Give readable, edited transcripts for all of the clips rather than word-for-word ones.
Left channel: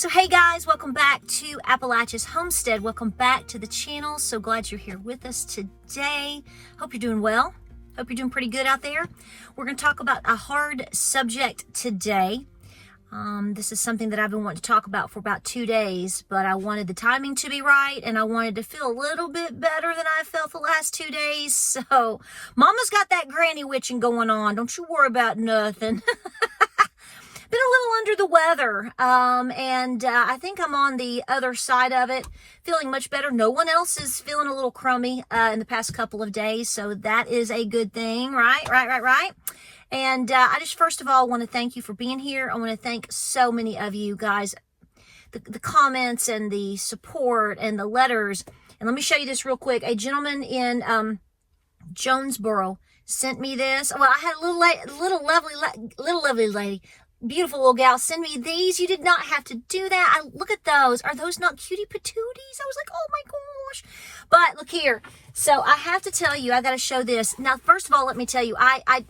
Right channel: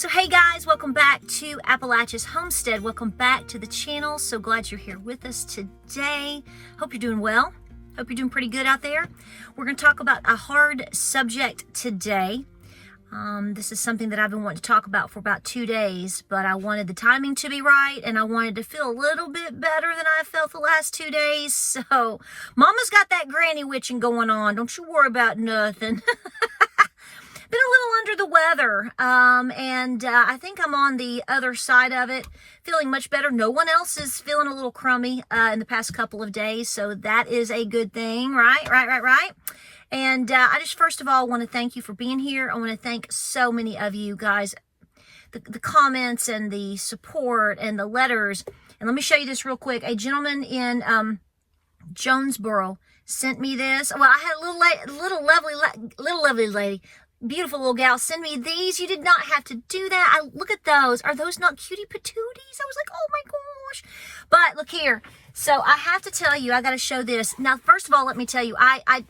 So hey guys, welcome back to Appalachia's Homestead. Welcome back to the channel. So glad you're here with us today. Hope you're doing well. Hope you're doing pretty good out there. We're going to talk about a hard subject today. This is something that I've been wanting to talk about for about 2 days, but I wanted the timing to be right, and I wanted to feel a little bit better than I felt the last 2 days. So Mama's got that granny witching going on. Don't you worry about nothing. Been a little under the weather, and I think I'm on the other side of it, feeling much better. No one else is feeling a little crummy in the past couple of days, so that is a good thing, right? And I just first of all want to thank you for being here. I want to thank so many of you guys, the comments and the support and the letters. And let me show you this real quick. A gentleman in Jonesboro sent me this. Well, I had a little lovely lady. Beautiful little gal, send me these. You did not have to do that. Look at those. Are those not cutie patooties? I was like, oh my gosh. But look here. So I have to tell you, I got to show this. Now, first of all, let me tell you, I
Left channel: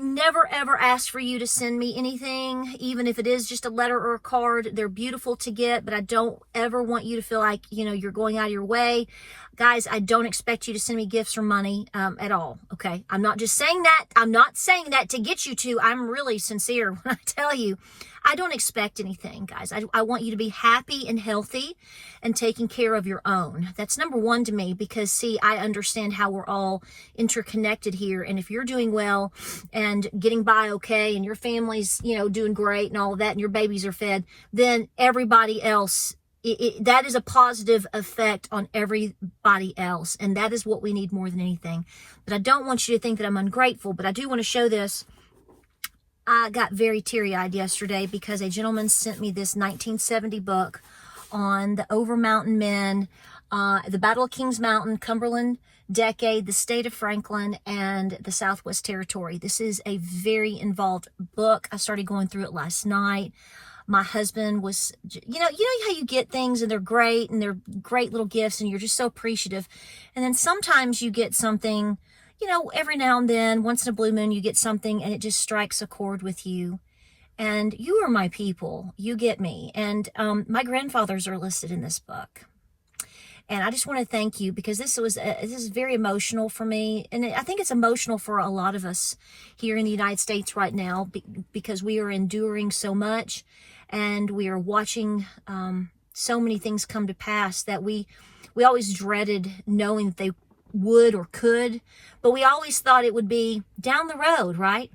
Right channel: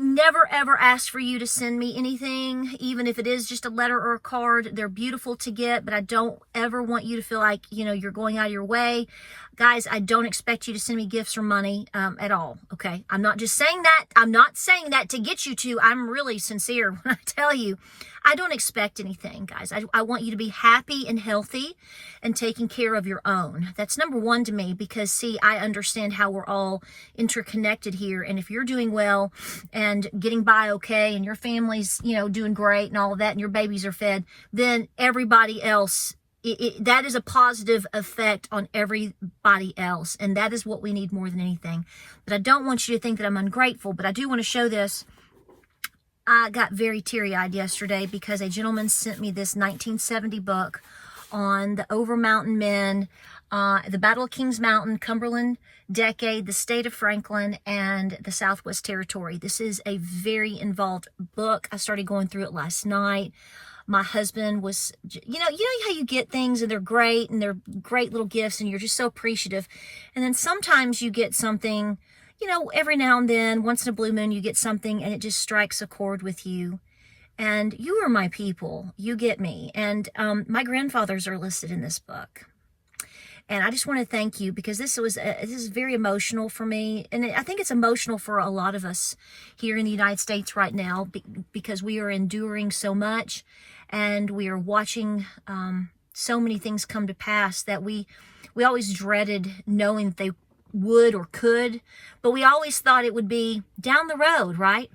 never ever asked for you to send me anything, even if it is just a letter or a card. They're beautiful to get, but I don't ever want you to feel like, you're going out of your way. Guys, I don't expect you to send me gifts or money at all, okay? I'm not just saying that. I'm not saying that to get you to. I'm really sincere when I tell you. I don't expect anything, guys. I want you to be happy and healthy and taking care of your own. That's number one to me because, see, I understand how we're all interconnected here. And if you're doing well and getting by okay and your family's, doing great and all of that and your babies are fed, then everybody else, that is a positive effect on everybody else. And that is what we need more than anything. But I don't want you to think that I'm ungrateful, but I do want to show this. I got very teary-eyed yesterday because a gentleman sent me this 1970 book on the Over Mountain Men, the Battle of Kings Mountain, Cumberland Decade, the state of Franklin, and the Southwest Territory. This is a very involved book. I started going through it last night. My husband was, you know how you get things and they're great and they're great little gifts and you're just so appreciative. And then sometimes you get something, every now and then, once in a blue moon, you get something and it just strikes a chord with you. And you are my people. You get me. And my grandfathers are listed in this book. And I just want to thank you because this is very emotional for me. And I think it's emotional for a lot of us here in the United States right now because we are enduring so much. And we are watching so many things come to pass that we always dreaded knowing that they would or could, but we always thought it would be down the road, right?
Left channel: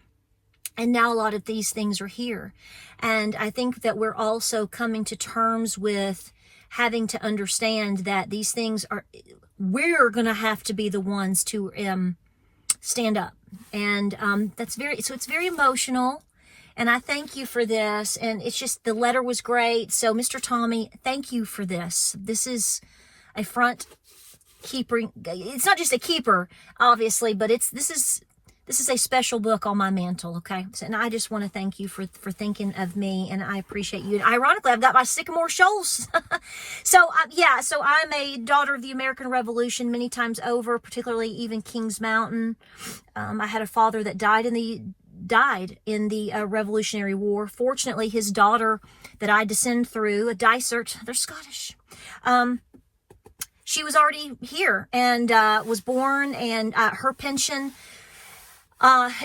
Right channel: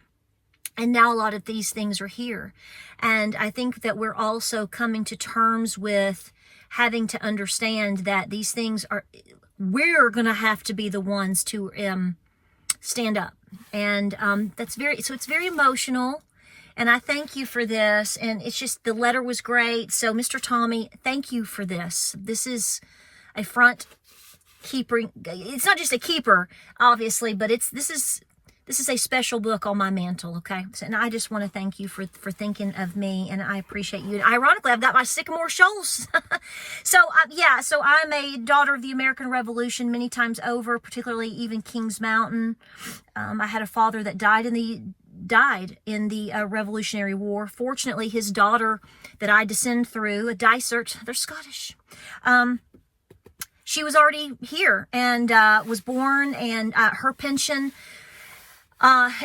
And now a lot of these things are here. And I think that we're also coming to terms with having to understand that these things we're going to have to be the ones to stand up. And it's very emotional. And I thank you for this. And it's just, the letter was great. So Mr. Tommy, thank you for this. This is a front keeper. It's not just a keeper, obviously, but this is a special book on my mantle, okay? And I just want to thank you for thinking of me, and I appreciate you. And ironically, I've got my Sycamore Shoals. So I'm a daughter of the American Revolution many times over, particularly even Kings Mountain. I had a father that died in the Revolutionary War. Fortunately, his daughter that I descend through, a Dysart, they're Scottish. She was already here and was born, and her pension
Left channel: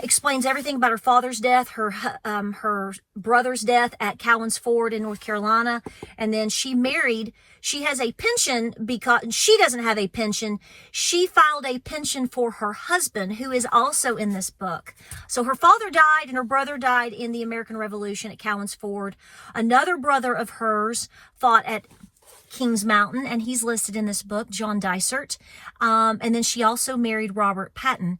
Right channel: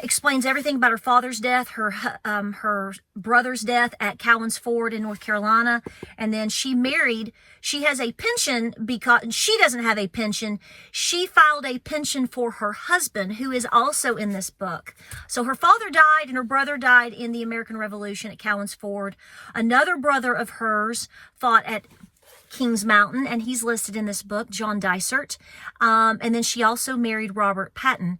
explains everything about her father's death, her brother's death at Cowan's Ford in North Carolina, and then she married. She has a pension because she doesn't have a pension. She filed a pension for her husband, who is also in this book. So her father died and her brother died in the American Revolution at Cowan's Ford. Another brother of hers fought at Kings Mountain, and he's listed in this book, John Dysart. And then she also married Robert Patton,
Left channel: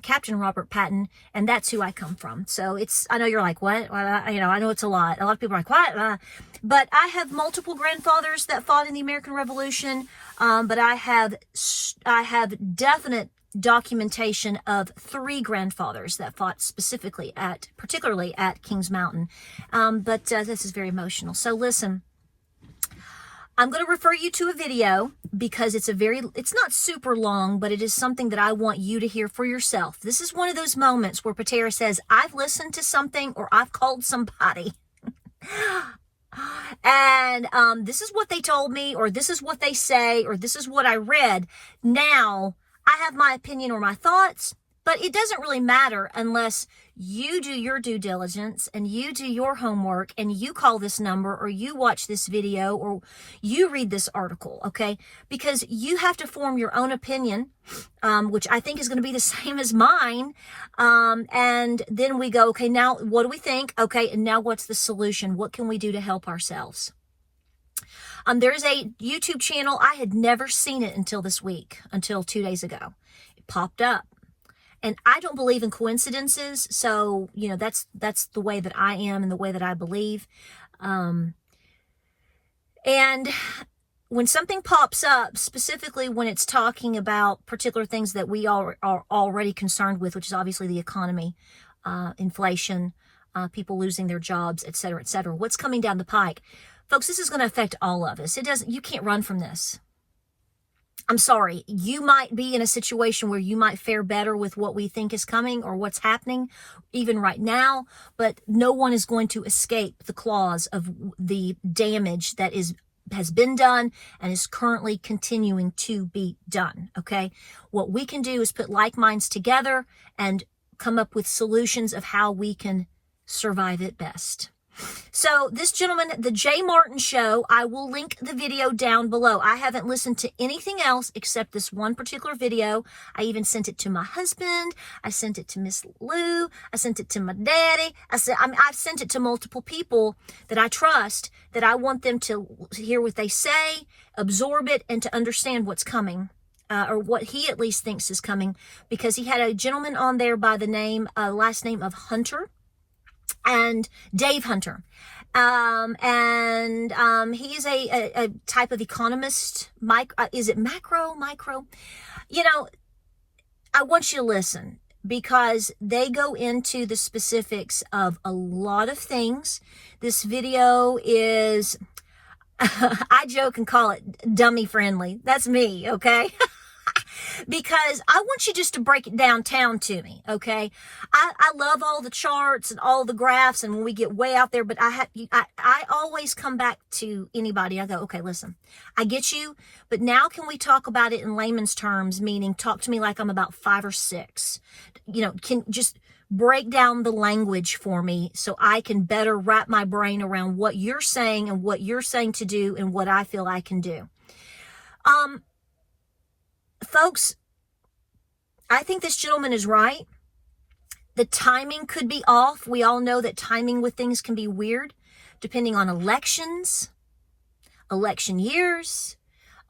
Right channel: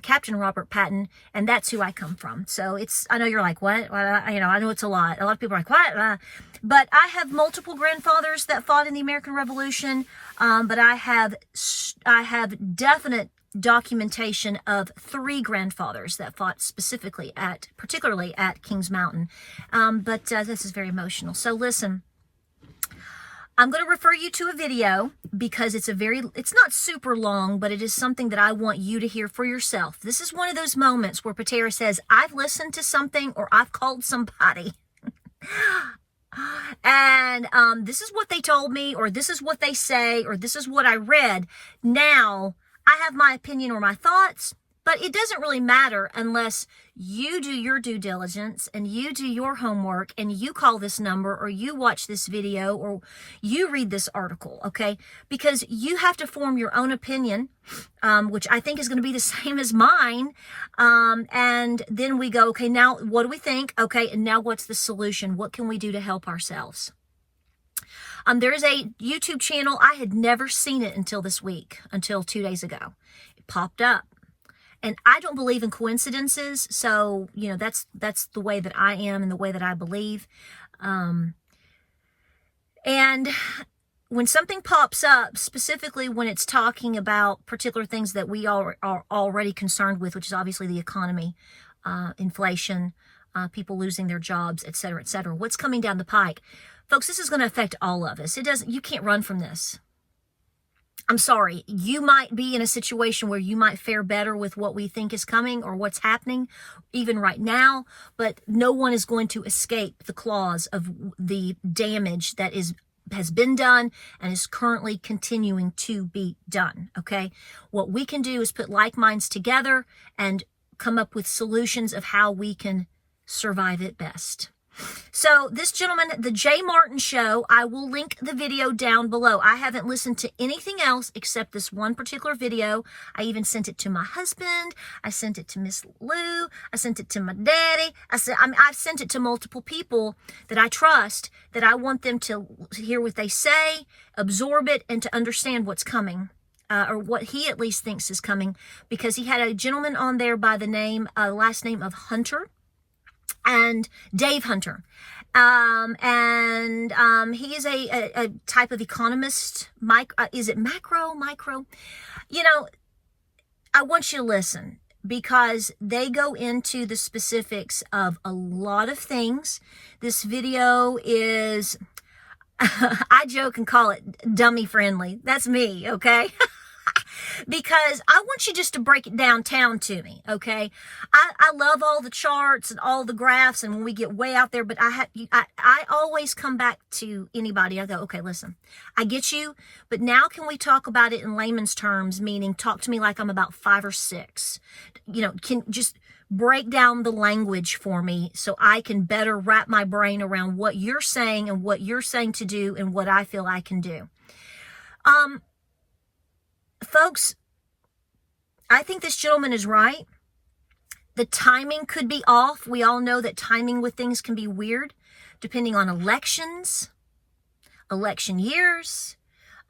Captain Robert Patton, and that's who I come from. So I know you're like, what? Well, I know it's a lot. A lot of people are like, what? But I have multiple grandfathers that fought in the American Revolution, but I have definite documentation of 3 grandfathers that fought particularly at Kings Mountain. But this is very emotional. So listen. I'm going to refer you to a video because it's not super long, but it is something that I want you to hear for yourself. This is one of those moments where Patara says, I've listened to something or I've called somebody And this is what they told me, or this is what they say, or this is what I read. Now, I have my opinion or my thoughts, but it doesn't really matter unless you do your due diligence and you do your homework and you call this number or you watch this video or you read this article, okay? Because you have to form your own opinion, which I think is going to be the same as mine. And then we go, okay, now what do we think? Okay, and now what's the solution? What can we do to help ourselves? There's a YouTube channel. I had never seen it until this week, until 2 days ago. It popped up. And I don't believe in coincidences, so, you know, that's the way that I am and the way that I believe. And when something pops up, specifically when it's talking about particular things that we are already concerned with, which is obviously the economy, inflation, people losing their jobs, et cetera, what's coming down the pike? Folks, this is going to affect all of us. You can't run from this. I'm sorry, you might be in a situation where you might fare better with what we think is coming or what's happening even right now, but no one is going to escape the claws of the damage that has been done and is currently continuing to be done, okay? What we can do is put like minds together and come up with solutions of how we can survive it best. So this gentleman, the Jay Martin Show, I will link the video down below. I haven't listened to anything else except this one particular video. I even sent it to my husband. I sent it to Miss Lou. I sent it to my daddy. I've sent it to multiple people that I trust, that I want them to hear what they say, absorb it, and to understand what's coming. Or what he at least thinks is coming. Because he had a gentleman on there by the last name of Hunter. And Dave Hunter. He is a type of economist. Is it macro? Micro? You know, I want you to listen because they go into the specifics of a lot of things. This video is, I joke and call it dummy friendly. That's me, okay? Because I want you just to break it downtown to me, okay? I love all the charts and all the graphs, and when we get way out there, but I always come back to anybody. I go, okay, listen, I get you, but now can we talk about it in layman's terms, meaning talk to me like I'm about 5 or 6. You know, can just break down the language for me so I can better wrap my brain around what you're saying and what you're saying to do and what I feel I can do. Folks, I think this gentleman is right. The timing could be off. We all know that timing with things can be weird, depending on elections, election years,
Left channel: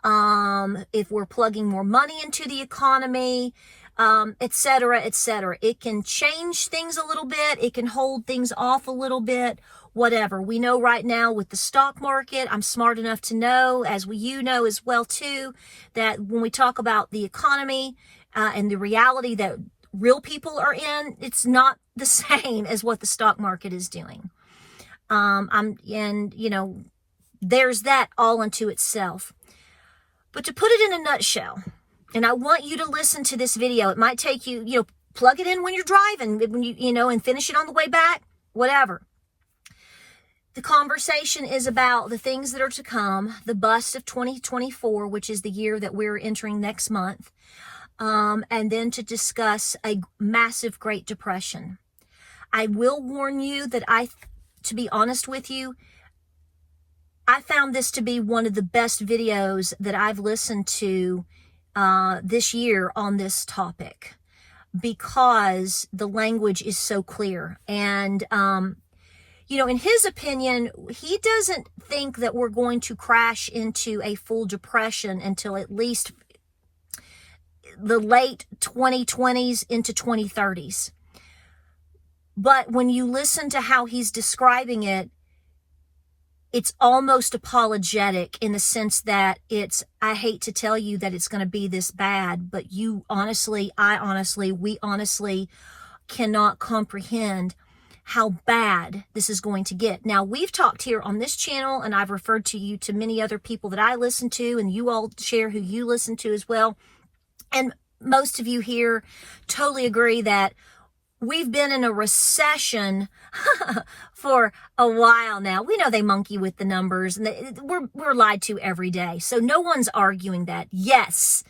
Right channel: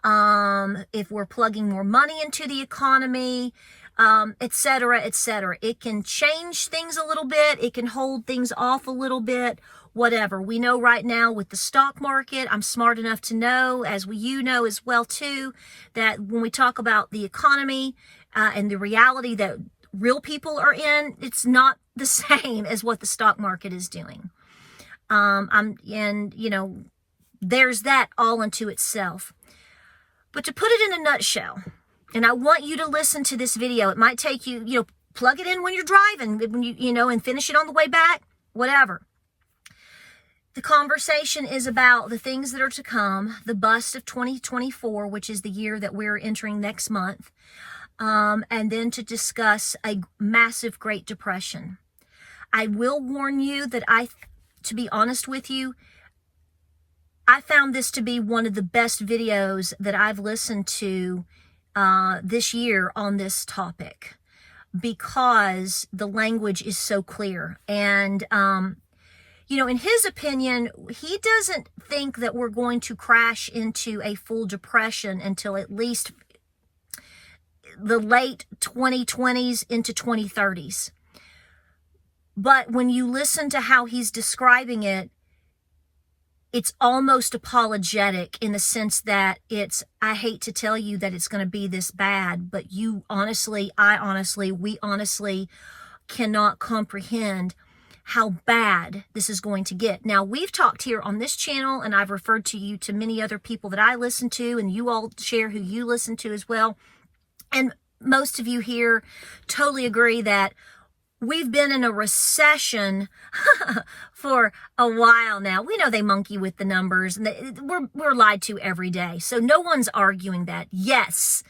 if we're plugging more money into the economy, et cetera, et cetera. It can change things a little bit. It can hold things off a little bit. Whatever. We know right now with the stock market, I'm smart enough to know, as you know as well too, that when we talk about the economy and the reality that real people are in, it's not the same as what the stock market is doing. You know, there's that all unto itself. But to put it in a nutshell, and I want you to listen to this video. It might take you, you know, plug it in when you're driving, when you know, and finish it on the way back, whatever. The conversation is about the things that are to come, the bust of 2024, which is the year that we're entering next month, and then to discuss a massive Great Depression. I will warn you that to be honest with you, I found this to be one of the best videos that I've listened to this year on this topic because the language is so clear. And, you know, in his opinion, he doesn't think that we're going to crash into a full depression until at least the late 2020s into 2030s. But when you listen to how he's describing it, it's almost apologetic in the sense that I hate to tell you that it's going to be this bad, but we honestly cannot comprehend how bad this is going to get. Now, we've talked here on this channel, and I've referred to you to many other people that I listen to, and you all share who you listen to as well. And most of you here totally agree that we've been in a recession for a while now. We know they monkey with the numbers, and we're lied to every day. So no one's arguing that. Yes,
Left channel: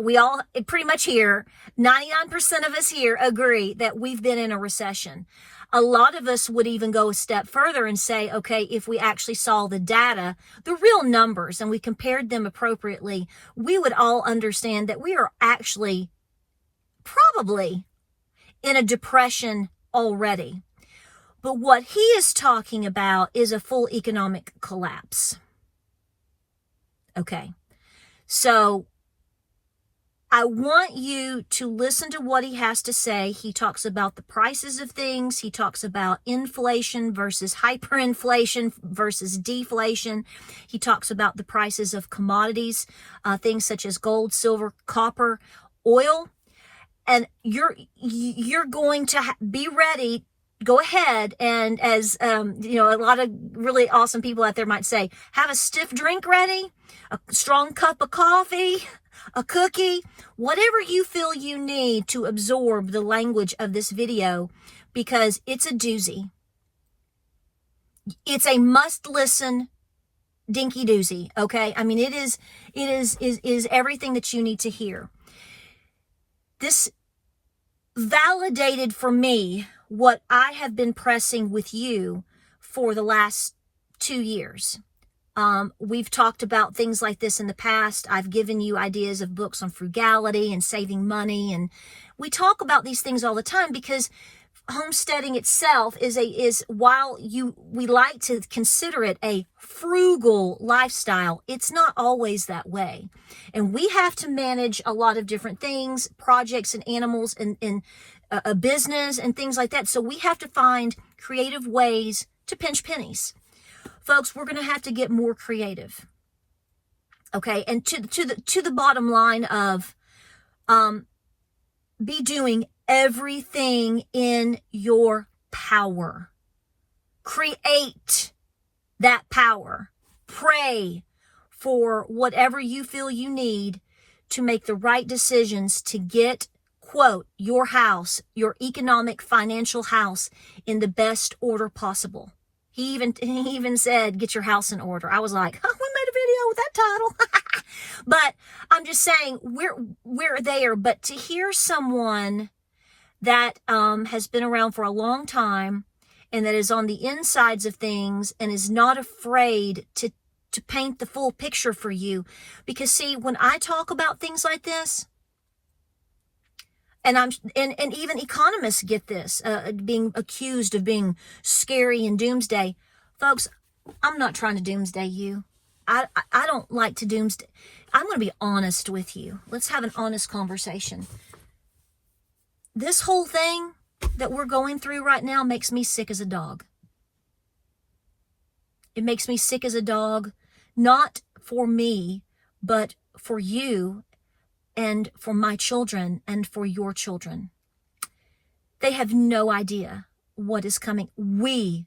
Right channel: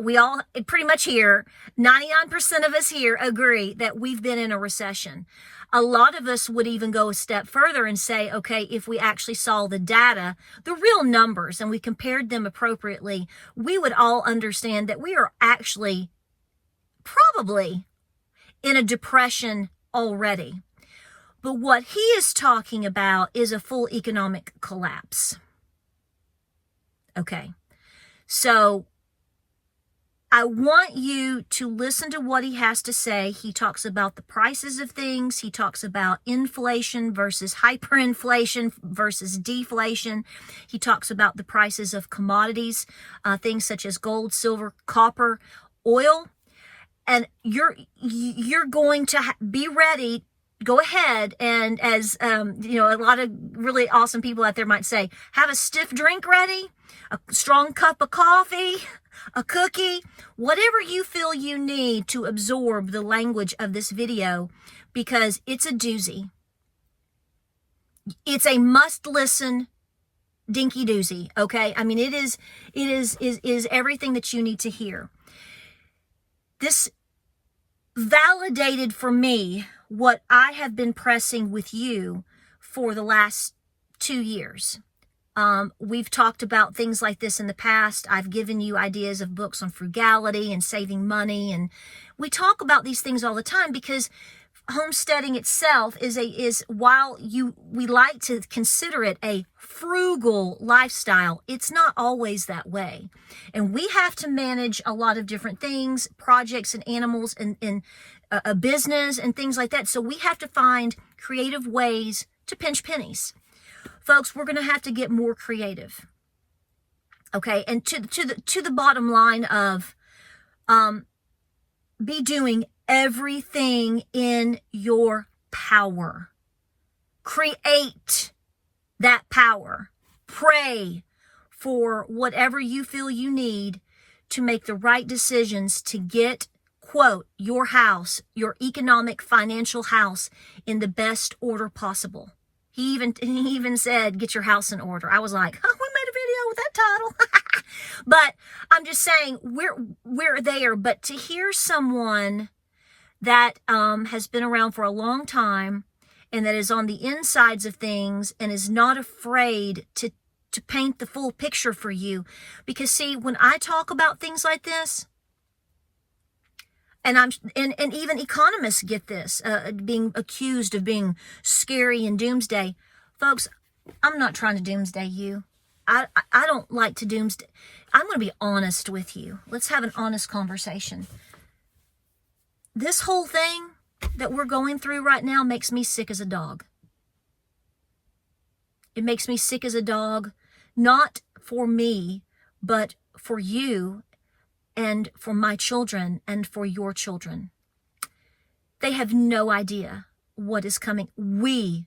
we all pretty much here, 99% of us here agree that we've been in a recession. A lot of us would even go a step further and say, okay, if we actually saw the data, the real numbers, and we compared them appropriately, we would all understand that we are actually probably in a depression already. But what he is talking about is a full economic collapse. Okay, so I want you to listen to what he has to say. He talks about the prices of things. He talks about inflation versus hyperinflation versus deflation. He talks about the prices of commodities, things such as gold, silver, copper, oil. And you're going to be ready. Go ahead and, as a lot of really awesome people out there might say, have a stiff drink ready, a strong cup of coffee, a cookie, whatever you feel you need to absorb the language of this video, because it's a doozy. It's a must listen dinky doozy. Okay. I mean, it is everything that you need to hear. This validated for me what I have been pressing with you for the last 2 years. We've talked about things like this in the past. I've given you ideas of books on frugality and saving money. And we talk about these things all the time because homesteading itself is while we like to consider it a frugal lifestyle, it's not always that way. And we have to manage a lot of different things, projects and animals and a business and things like that. So we have to find creative ways to pinch pennies. Folks, we're going to have to get more creative. Okay, and to the bottom line of be doing everything in your power. Create that power. Pray for whatever you feel you need to make the right decisions to get, quote, your house, your economic financial house in the best order possible. He even said, get your house in order. I was like, oh, we made a video with that title. But I'm just saying, we're there. But to hear someone that has been around for a long time and that is on the insides of things and is not afraid to paint the full picture for you. Because see, when I talk about things like this, and even economists get this, being accused of being scary and doomsday. Folks, I'm not trying to doomsday you. I don't like to doomsday. I'm going to be honest with you. Let's have an honest conversation. This whole thing that we're going through right now makes me sick as a dog. It makes me sick as a dog, not for me, but for you and for my children and for your children. They have no idea what is coming. We,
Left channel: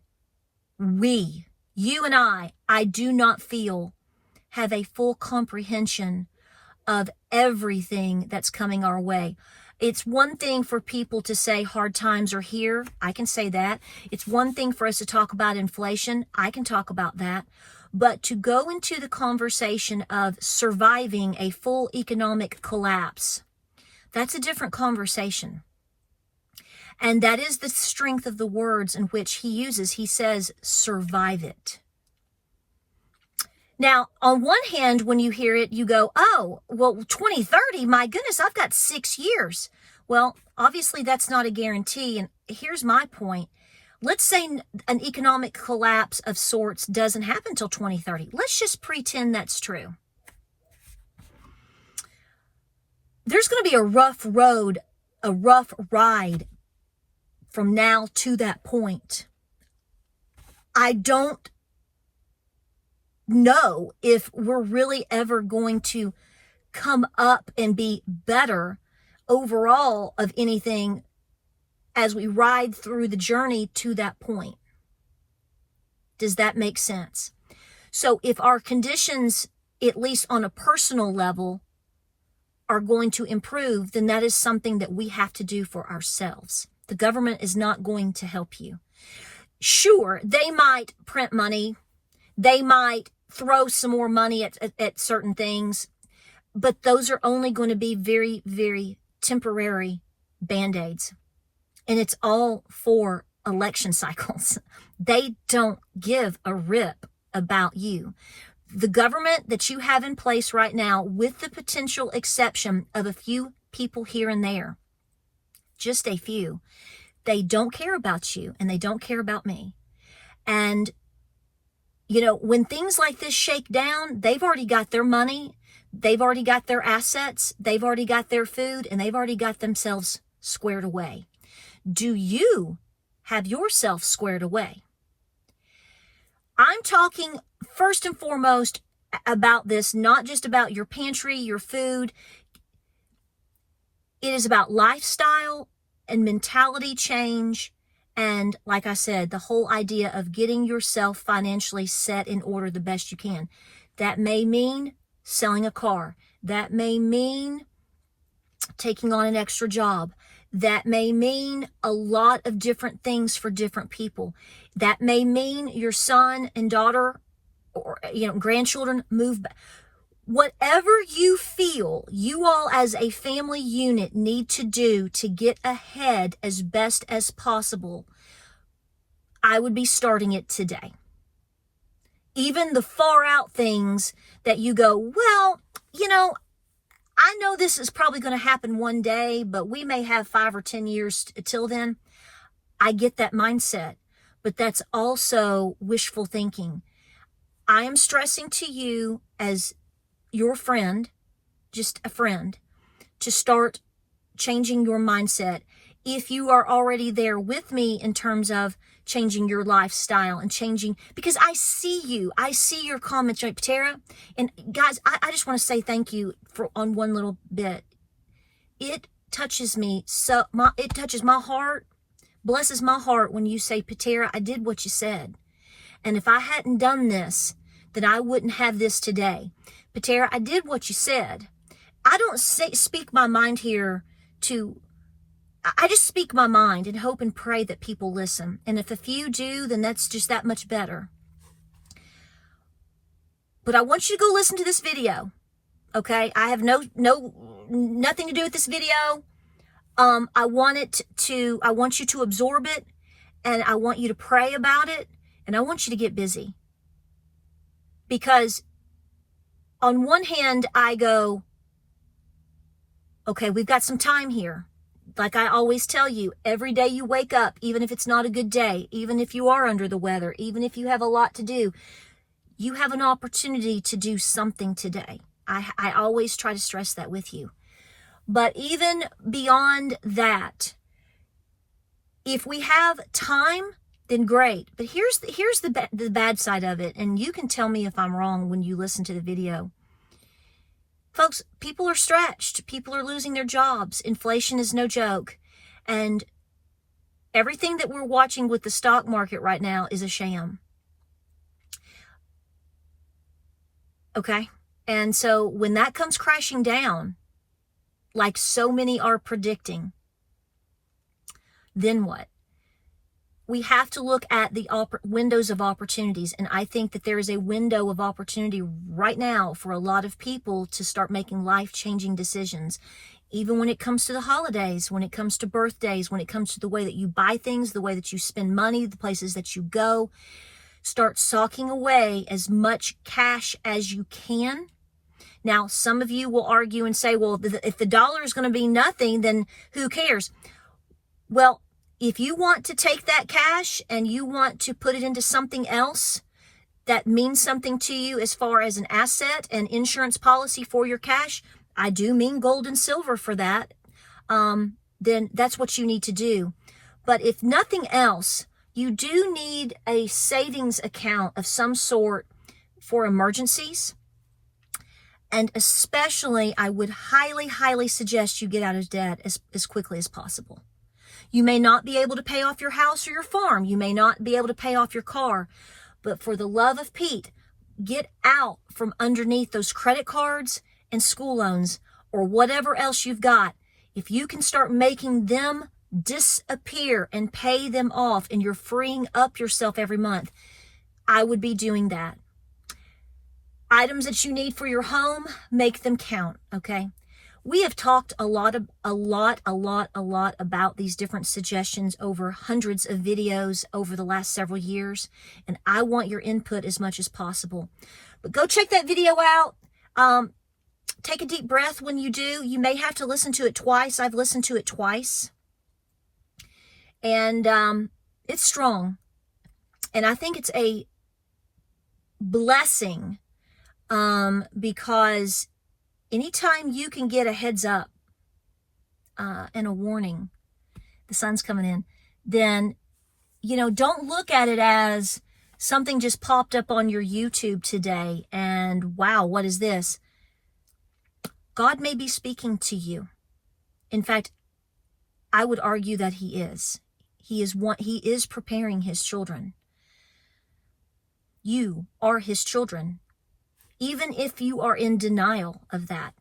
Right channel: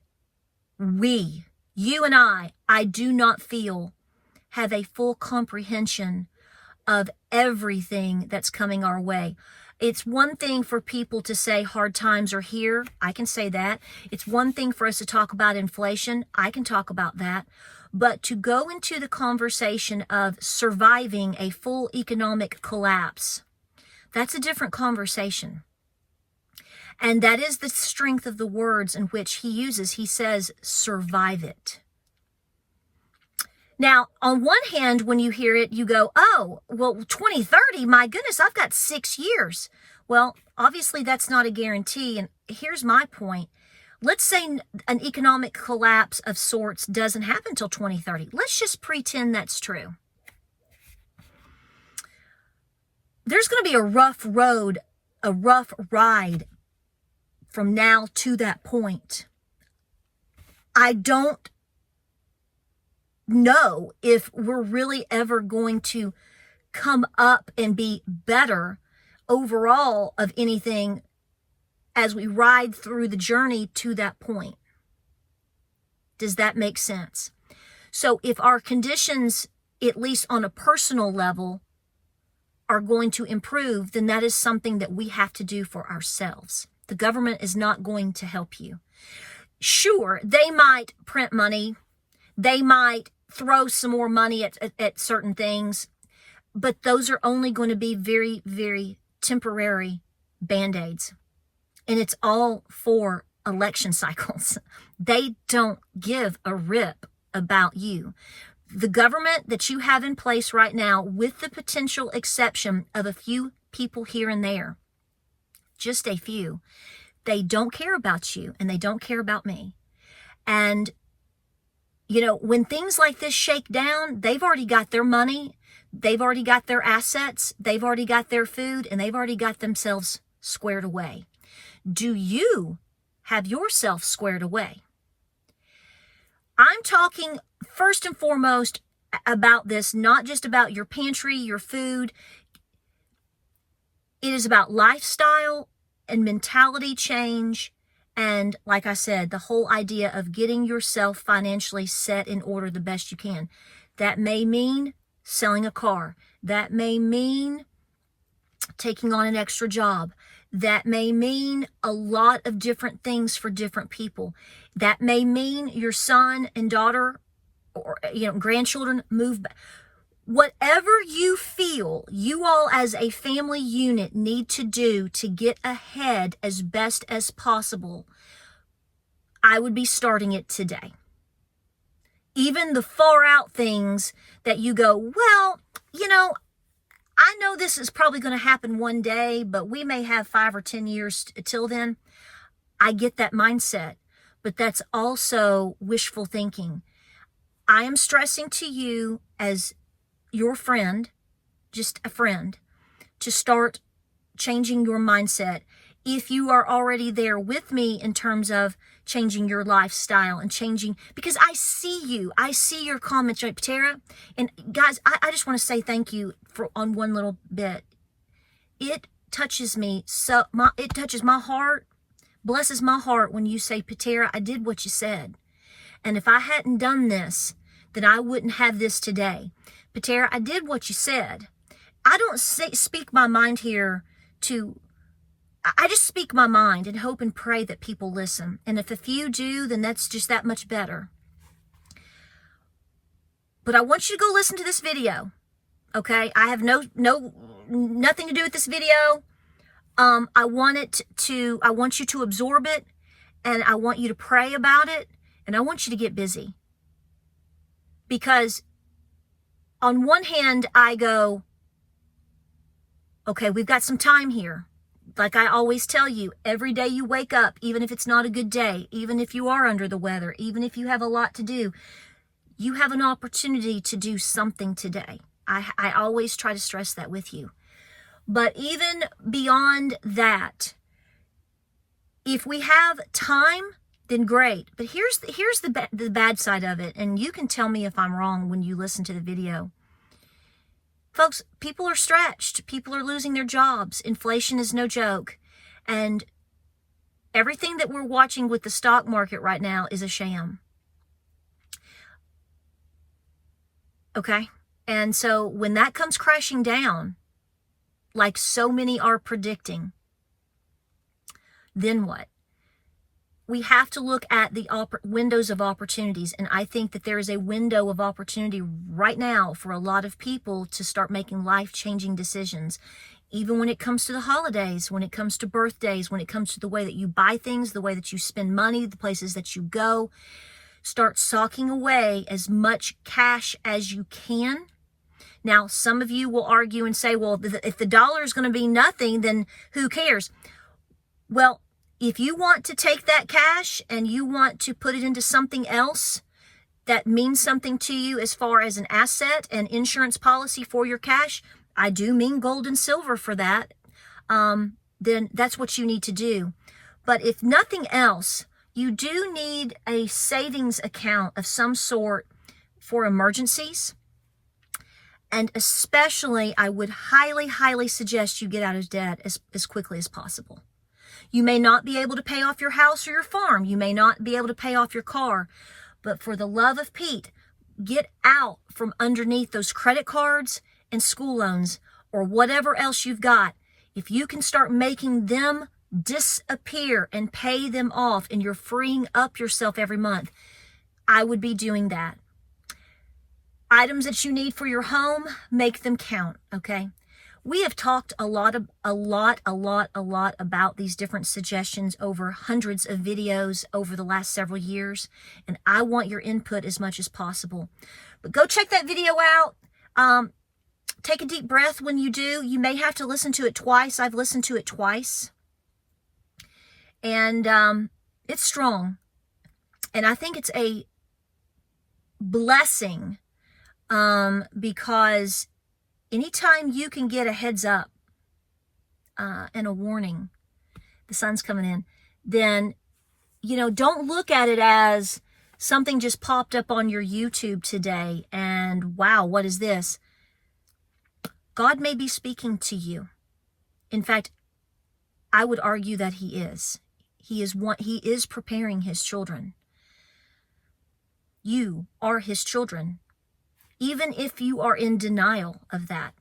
you and I do not feel have a full comprehension of everything that's coming our way. It's one thing for people to say hard times are here. I can say that. It's one thing for us to talk about inflation. I can talk about that. But to go into the conversation of surviving a full economic collapse, that's a different conversation. And that is the strength of the words in which he uses. He says, survive it. Now, on one hand, when you hear it, you go, oh, well, 2030, my goodness, I've got 6 years. Well, obviously, that's not a guarantee. And here's my point. Let's say an economic collapse of sorts doesn't happen until 2030. Let's just pretend that's true. There's going to be a rough road, a rough ride from now to that point. I don't know if we're really ever going to come up and be better overall of anything as we ride through the journey to that point. Does that make sense? So if our conditions, at least on a personal level, are going to improve, then that is something that we have to do for ourselves. The government is not going to help you. Sure, they might print money. They might throw some more money at certain things, but those are only going to be very, very temporary Band-Aids. And it's all for election cycles. They don't give a rip about you. The government that you have in place right now, with the potential exception of a few people here and there, just a few, they don't care about you and they don't care about me. And, you know, when things like this shake down, they've already got their money, they've already got their assets, they've already got their food, and they've already got themselves squared away. Do you have yourself squared away? I'm talking first and foremost about this, not just about your pantry, your food. It is about lifestyle and mentality change. And like I said, the whole idea of getting yourself financially set in order the best you can. That may mean selling a car. That may mean taking on an extra job. That may mean a lot of different things for different people. That may mean your son and daughter or, you know, grandchildren move back. Whatever you feel you all as a family unit need to do to get ahead as best as possible, I would be starting it today. Even the far out things that you go, well, you know, I know this is probably going to happen one day, but we may have 5 or 10 years till then. I get that mindset, but that's also wishful thinking. I am stressing to you as your friend, just a friend, to start changing your mindset. If you are already there with me in terms of changing your lifestyle and changing, because I see you, I see your comments, right, Patara? And guys, I just want to say thank you for on one little bit. It touches me so, it touches my heart, blesses my heart when you say, Patara, I did what you said. And if I hadn't done this, then I wouldn't have this today. Patara, I did what you said. I don't speak my mind here I just speak my mind and hope and pray that people listen. And if a few do, then that's just that much better. But I want you to go listen to this video. Okay? I have nothing to do with this video. I want you to absorb it, and I want you to pray about it, and I want you to get busy. Because on one hand, I go, okay, we've got some time here. Like I always tell you, every day you wake up, even if it's not a good day, even if you are under the weather, even if you have a lot to do, you have an opportunity to do something today. I always try to stress that with you. But even beyond that, if we have time, then great. But here's the bad side of it, and you can tell me if I'm wrong when you listen to the video. Folks, people are stretched. People are losing their jobs. Inflation is no joke. And everything that we're watching with the stock market right now is a sham. Okay? And so when that comes crashing down, like so many are predicting, then what? We have to look at the windows of opportunities. And I think that there is a window of opportunity right now for a lot of people to start making life-changing decisions. Even when it comes to the holidays, when it comes to birthdays, when it comes to the way that you buy things, the way that you spend money, the places that you go, start socking away as much cash as you can. Now, some of you will argue and say, well, if the dollar is going to be nothing, then who cares? Well, if you want to take that cash and you want to put it into something else that means something to you as far as an asset and insurance policy for your cash, I do mean gold and silver for that, then that's what you need to do. But if nothing else, you do need a savings account of some sort for emergencies. And especially, I would highly, highly suggest you get out of debt as quickly as possible. You may not be able to pay off your house or your farm. You may not be able to pay off your car. But for the love of Pete, get out from underneath those credit cards and school loans or whatever else you've got. If you can start making them disappear and pay them off, and you're freeing up yourself every month, I would be doing that. Items that you need for your home, make them count, okay? We have talked a lot about these different suggestions over hundreds of videos over the last several years, and I want your input as much as possible. But go check that video out. Take a deep breath when you do. You may have to listen to it twice. I've listened to it twice. And it's strong. And I think it's a blessing because anytime you can get a heads up and a warning, the sun's coming in, then, you know, don't look at it as something just popped up on your YouTube today and wow, what is this? God may be speaking to you. In fact, I would argue that he is. He is preparing his children. You are his children. Even if you are in denial of that,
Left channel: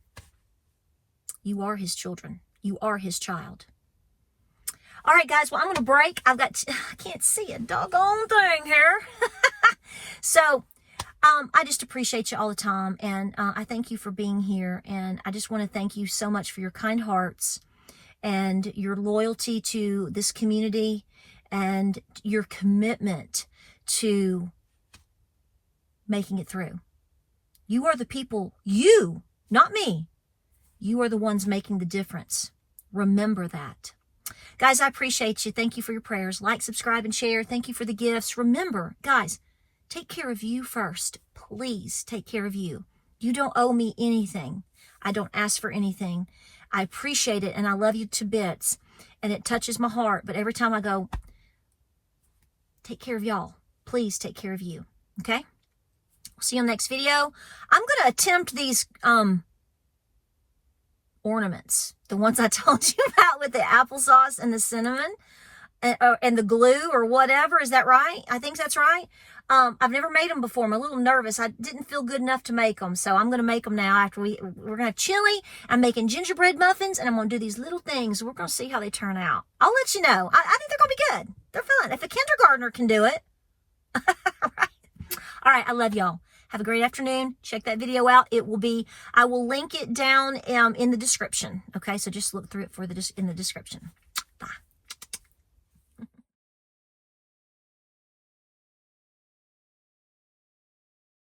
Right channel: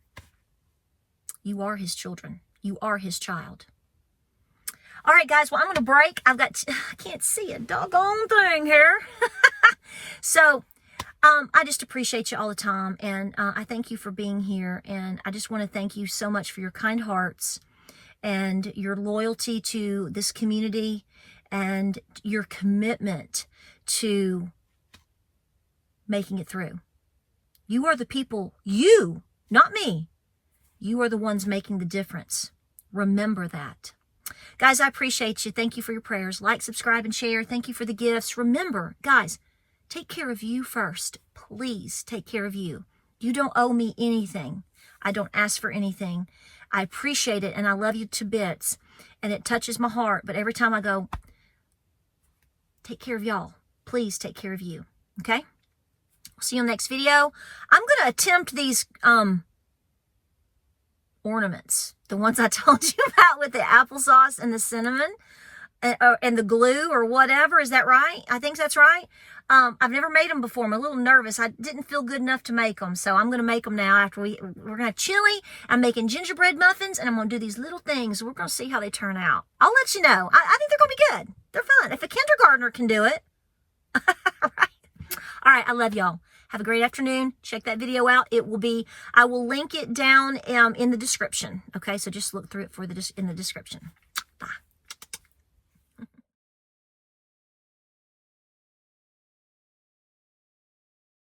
you are his children. You are his child. All right, guys. Well, I'm going to break. I can't see a doggone thing here. So, I just appreciate you all the time. And I thank you for being here. And I just want to thank you so much for your kind hearts and your loyalty to this community and your commitment to making it through. You are the people, you, not me. You are the ones making the difference. Remember that. Guys, I appreciate you. Thank you for your prayers. Like, subscribe, and share. Thank you for the gifts. Remember, guys, take care of you first. Please take care of you. You don't owe me anything. I don't ask for anything. I appreciate it, and I love you to bits, and it touches my heart. But every time I go, take care of y'all. Please take care of you. Okay? See you in the next video. I'm going to attempt these ornaments. The ones I told you about with the applesauce and the cinnamon and the glue or whatever. Is that right? I think that's right. I've never made them before. I'm a little nervous. I didn't feel good enough to make them. So I'm going to make them now after we're going to have chili. I'm making gingerbread muffins, and I'm going to do these little things. We're going to see how they turn out. I'll let you know. I think they're going to be good. They're fun. If a kindergartner can do it. All right. I love y'all. Have a great afternoon. Check that video out. I will link it down in the description. Okay, so just look through it in the description.